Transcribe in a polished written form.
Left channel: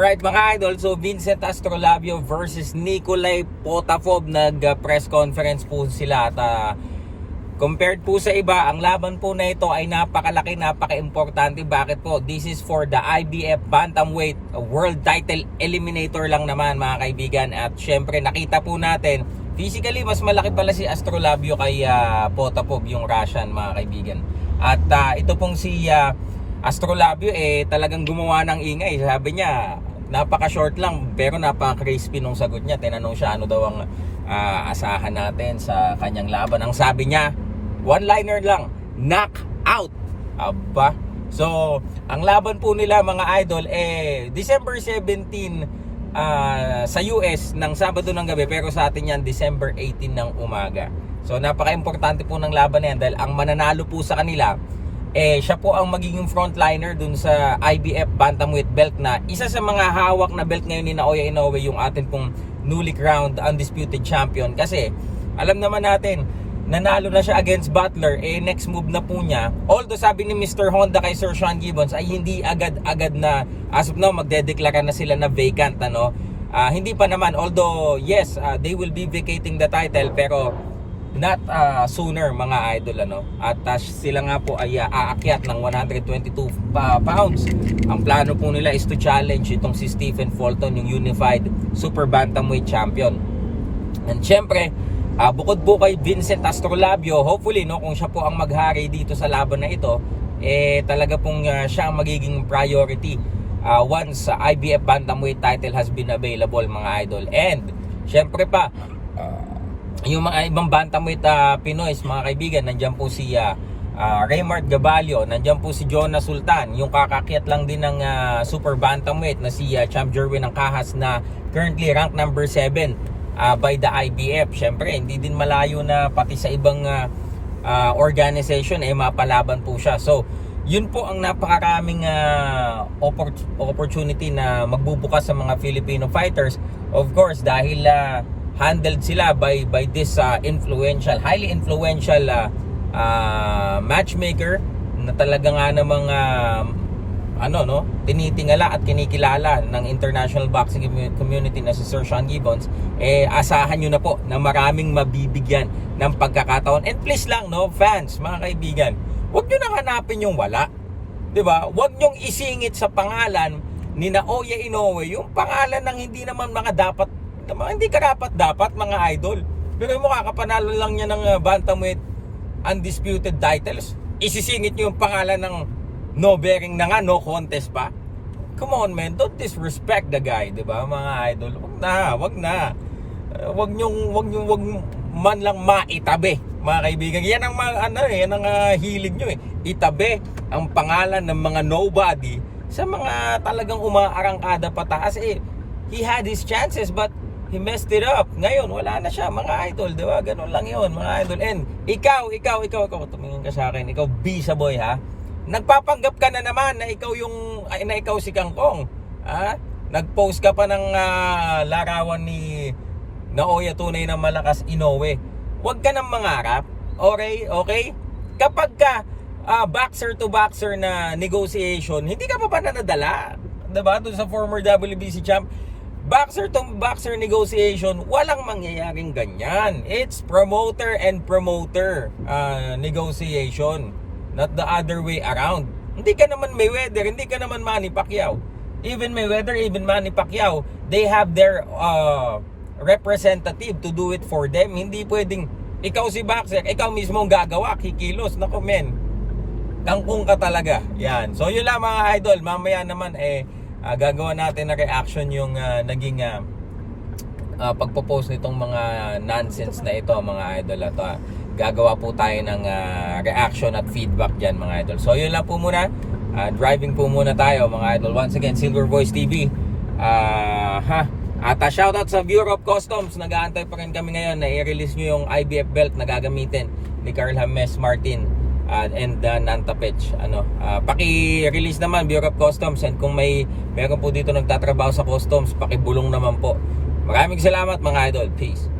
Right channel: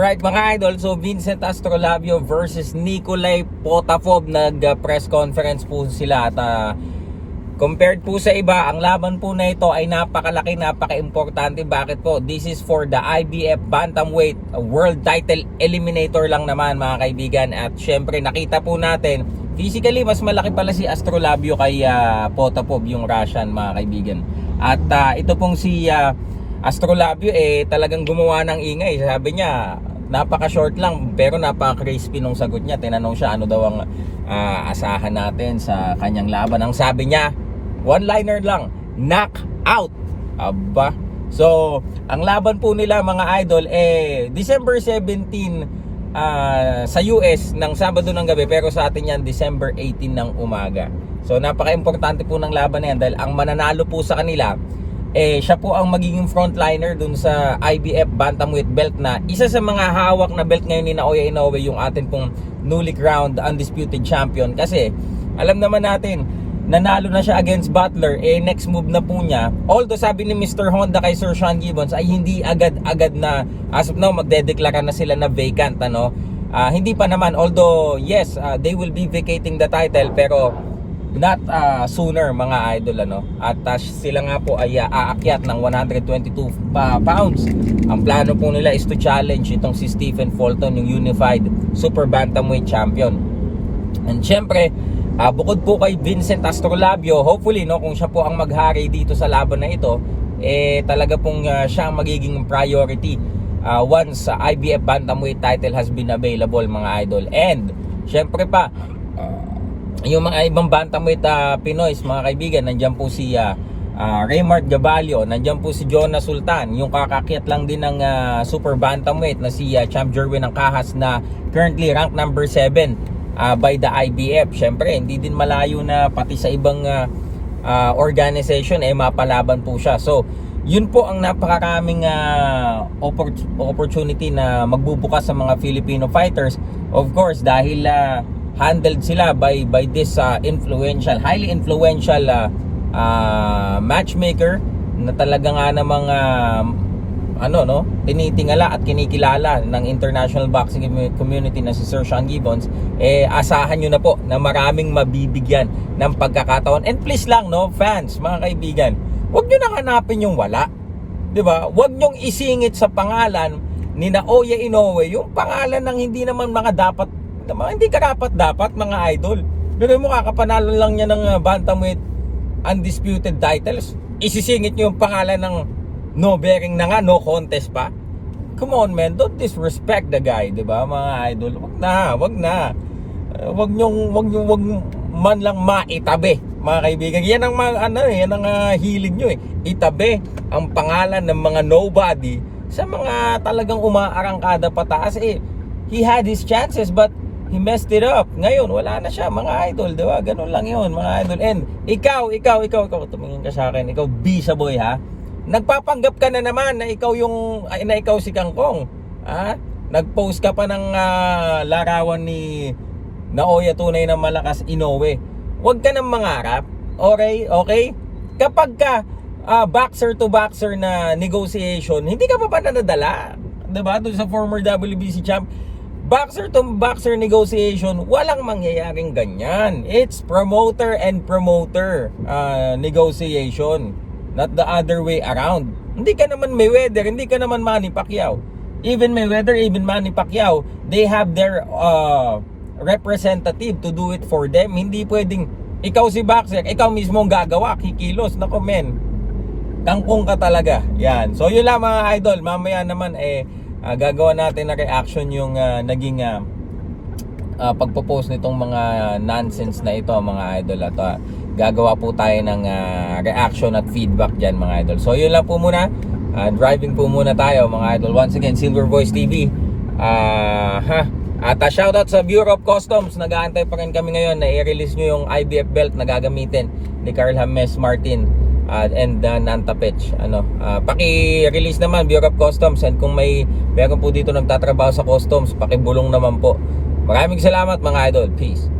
Right mga idol, so Vincent Astrolabio versus Nikolay Potapov, nag-press conference po sila at compared po sa iba, ang laban po na ito ay napakalaki, napaka-importante. Bakit po? This is for the IBF Bantamweight World Title Eliminator lang naman mga kaibigan. At syempre nakita po natin, physically mas malaki pala si Astrolabio kay Potapov, yung Russian mga kaibigan. At ito pong si Astrolabio talagang gumawa ng ingay. Sabi niya, napaka-short lang pero napaka-crispy nung sagot niya. Tinanong siya ano daw ang asahan natin sa kanyang laban. Ang sabi niya, one-liner lang, knock out. Aba. So, ang laban po nila mga idol December 17 sa US ng Sabado ng gabi, pero sa atin yan December 18 ng umaga. So, napaka-importante po ng laban na yan dahil ang mananalo po sa kanila siya po ang magiging frontliner dun sa IBF Bantamweight belt, na isa sa mga hawak na belt ngayon ni Naoya Inoue, yung atin pong newly crowned undisputed champion. Kasi alam naman natin, nanalo na siya against Butler, next move na po niya, although sabi ni Mr. Honda kay Sir Sean Gibbons ay hindi agad-agad na as of now magdedeklara na sila na vacant, ano. Hindi pa naman, although yes, they will be vacating the title, pero not sooner mga idol, ano. At sila nga po ay aakyat ng 122 pounds. Ang plano po nila is to challenge itong si Stephen Fulton, yung Unified Super Bantamweight Champion. And syempre, bukod po kay Vincent Astrolabio, hopefully no, kung siya po ang maghari dito sa laban na ito, talaga pong siya ang magiging priority once IBF Bantamweight title has been available mga idol. And syempre pa, yung mga ibang bantamweight Pinoys mga kaibigan, nandiyan po si Raymart Gabalio, nandiyan po si Jonas Sultan, yung kakakyat lang din ng super bantamweight na si Champ Jerwin ng Kahas, na currently ranked number 7 by the IBF. Syempre hindi din malayo na pati sa ibang organization mapalaban po siya. So yun po ang napakaraming opportunity na magbubukas sa mga Filipino fighters, of course dahil handled sila by this highly influential matchmaker na talaga nga namang tinitingala at kinikilala ng international boxing community na si Sir Sean Gibbons. Asahan nyo na po na maraming mabibigyan ng pagkakataon. And please lang, no, fans, mga kaibigan, huwag nyo nang hanapin yung wala, diba? Huwag nyong isingit sa pangalan ni Naoya Inoue yung pangalan ng hindi naman hindi karapat-dapat mga idol. Pero mo, kakapanalo lang niya ng bantamweight undisputed titles, isisingit niyo yung pangalan ng no bearing na nga, no contest pa. Come on man, don't disrespect the guy, di ba mga idol? Wag na. Wag man lang maitabi mga kaibigan. Yan ang yan ang hilig niyo itabi ang pangalan ng mga nobody sa mga talagang umaarangkada pataas. He had his chances but he messed it up. Ngayon, wala na siya, mga idol, di ba? Ganun lang yun, mga idol. And ikaw, tumingin ka sa akin, ikaw, Bisa Boy, ha? Nagpapanggap ka na naman na ikaw si Kangkong, ha? Nag-post ka pa ng larawan ni Naoya Tunay na Malakas Inoue. Huwag ka nang mangarap, okay? Kapag ka boxer to boxer na negotiation, hindi ka pa ba nadala? Diba? Doon sa former WBC champ, boxer to boxer negotiation, walang mangyayaring ganyan. It's promoter and promoter negotiation, not the other way around. Hindi ka naman Mayweather, hindi ka naman Manny Pacquiao. Even Mayweather, even Manny Pacquiao, they have their representative to do it for them. Hindi pwedeng ikaw si boxer, ikaw mismo ang gagawa, kikilos. Nako men, tangkong ka talaga. Yan. So yun lang mga idol, mamaya naman gagawa natin na reaction yung naging pagpo-post nitong mga nonsense na ito mga idol. At gagawa po tayo ng reaction at feedback dyan mga idol. So yun lang po muna, driving po muna tayo mga idol. Once again, Silver Voice TV. At shoutout sa Bureau of Customs. Nag-aantay pa rin kami ngayon na i-release nyo yung IBF belt na gagamitin ni Carl James Martin and Nanta Pech. Paki-release naman Bureau of Customs, and kung meron po dito nagtatrabaho sa customs, pakibulong naman po. Maraming salamat mga idol. Peace.